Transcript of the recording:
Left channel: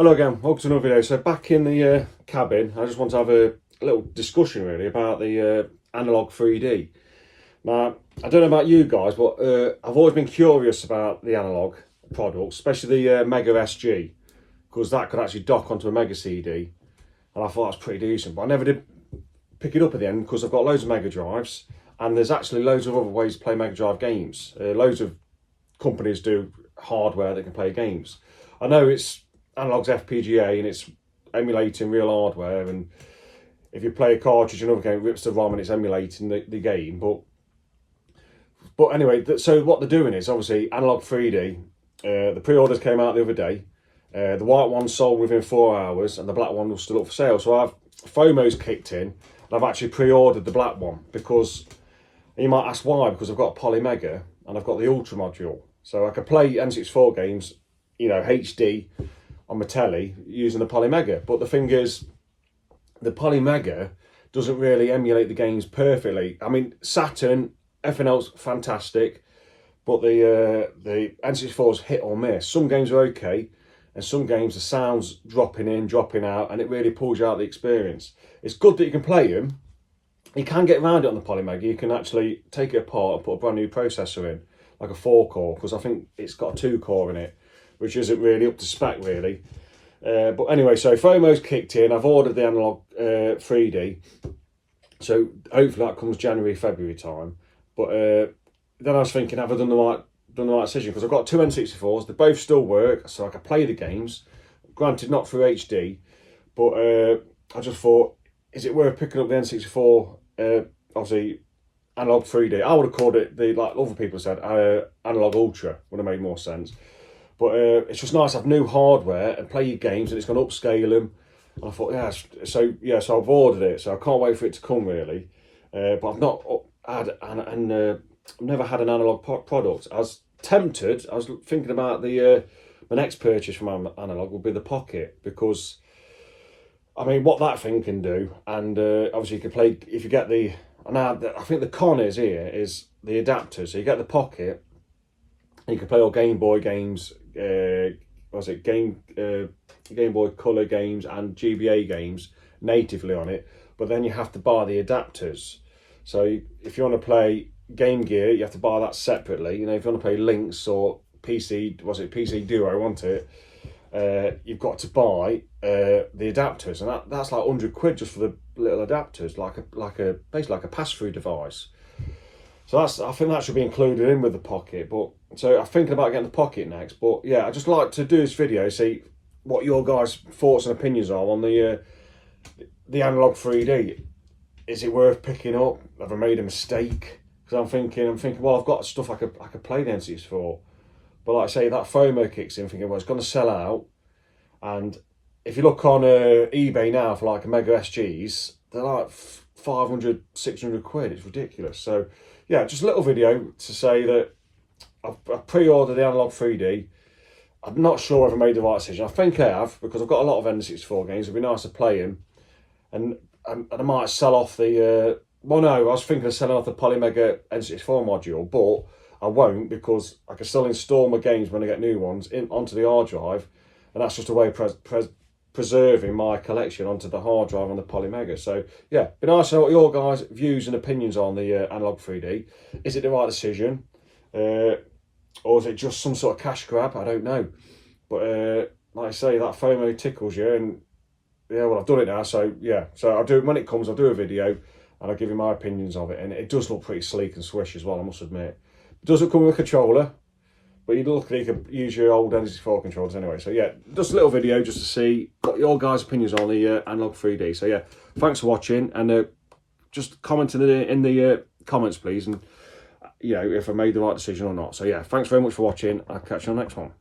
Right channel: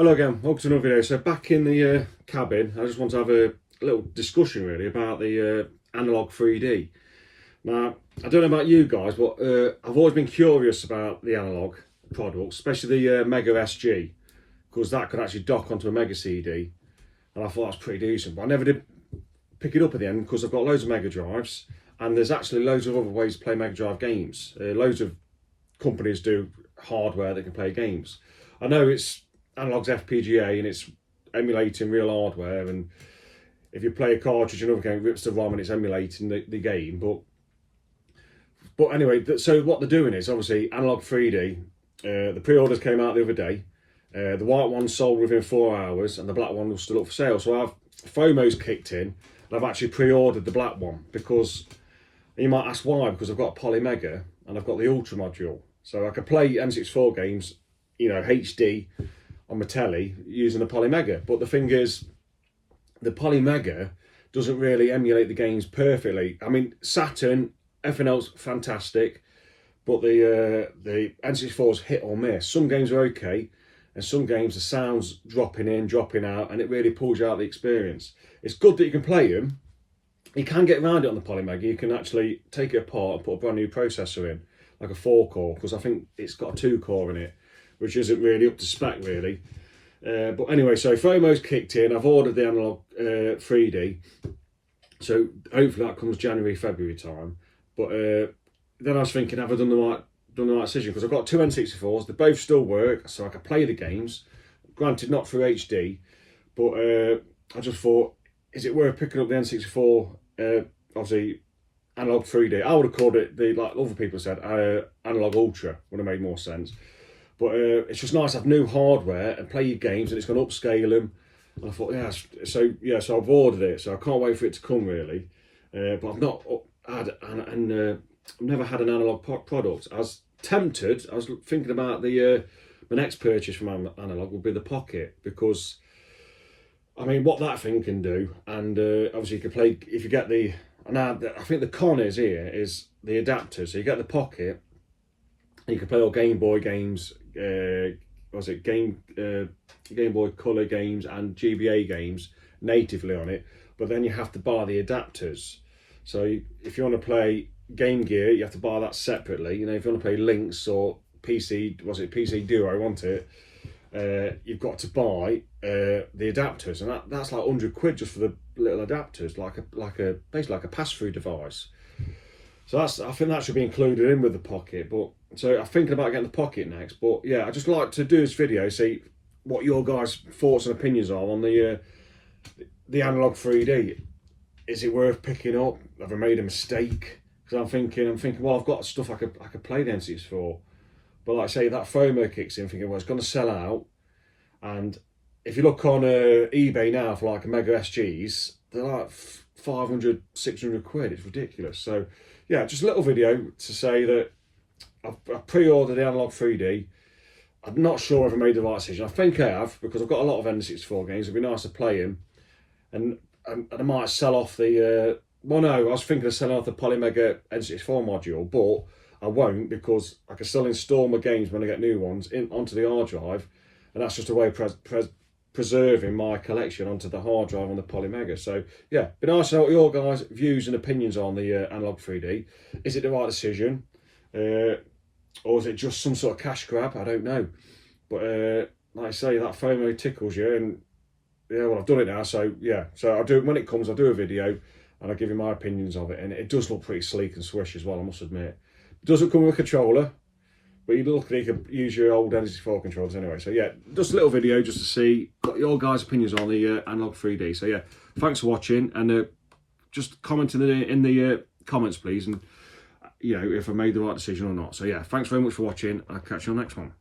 Hello again, welcome to another video. So back in the cabin, I just want to have a little discussion really about the Anologue 3D. Now, I don't know about you guys, but I've always been curious about the Anologue product, especially the Mega SG, because that could actually dock onto a Mega CD, and I thought that was pretty decent, but I never did pick it up at the end because I've got loads of Mega Drives, and there's actually loads of other ways to play Mega Drive games. Loads of companies do hardware that can play games. I know it's Anologue's FPGA and it's emulating real hardware, and if you play a cartridge another game, it rips the ROM and it's emulating the game. But anyway, so what they're doing is obviously Anologue 3D. The pre-orders came out the other day. The white one sold within 4 hours and the black one was still up for sale. So FOMO's kicked in and I've actually pre-ordered the black one because, and you might ask why, because I've got a Poly Mega and I've got the Ultra module. So I could play N64 games, you know, HD on my telly using the Poly Mega. But the thing is, the Poly Mega doesn't really emulate the games perfectly. I mean, Saturn, everything else fantastic, but the N64 is hit or miss. Some games are okay, and some games the sound's dropping in, dropping out, and it really pulls you out of the experience. It's good that you can play them. You can get around it on the Poly Mega. You can actually take it apart and put a brand new processor in, like a 4-core, because I think it's got a 2-core in it, which isn't really up to spec really. But anyway, so FOMO's kicked in. I've ordered the Anologue 3D, so hopefully that comes January, February time. But then I was thinking, have I done the right decision? Because I've got two N64s, they both still work, so I can play the games. Granted, not through HD, but I just thought, is it worth picking up the N64? Obviously, Anologue 3D. I would have called it like other people said, Anologue Ultra would have made more sense. But it's just nice to have new hardware and play your games, and it's going to upscale them. And I thought, so I've ordered it, so I can't wait for it to come really. But I've not had, I've never had an Anologue product. I was tempted. I was thinking about my next purchase from Anologue would be the Pocket, because I mean, what that thing can do, and obviously you can play if you get the. Now I think the con is here is the adapter. So you get the Pocket, and you can play all Game Boy games. Game Boy Color games and GBA games natively on it, but then you have to buy the adapters. So if you want to play Game Gear, you have to buy that separately. You know, if you want to play Lynx or PC Duo, wasn't it? You've got to buy the adapters, and that's like 100 quid just for the little adapters, basically like a pass-through device. So I think that should be included in with the Pocket. But so I'm thinking about getting the Pocket next. But yeah, I just like to do this video, see what your guys' thoughts and opinions are on the Anologue 3D. Is it worth picking up? Have I made a mistake? Because I'm thinking, well, I've got stuff I could play the N64. But like I say, that FOMO kicks in, thinking, well, it's going to sell out. And if you look on eBay now for like a Mega SGs, they're like 500, 600 quid. It's ridiculous. So yeah, just a little video to say that I've pre-ordered the Anologue 3D. I'm not sure if I made the right decision. I think I have, because I've got a lot of N64 games. It'd be nice to play them. And I might sell off the... well, no, I was thinking of selling off the Poly Mega N64 module, but I won't, because I can still install my games when I get new ones onto the hard drive. And that's just a way of preserving my collection onto the hard drive on the Poly Mega. So yeah, be nice to know what your guys' views and opinions on the Anologue 3D. Is it the right decision, or is it just some sort of cash grab? I don't know. But like I say, that FOMO tickles you, and yeah, well, I've done it now. So yeah, so I'll do, when it comes, I'll do a video and I'll give you my opinions of it. And it does look pretty sleek and swish as well, I must admit. It doesn't come with a controller, but you can use your old N64 controllers anyway. So yeah, just a little video just to see what your guys' opinions are on the Anologue 3D. So yeah, thanks for watching, and just comment in the comments, please, and you know, if I made the right decision or not. So yeah, thanks very much for watching. I'll catch you on the next one.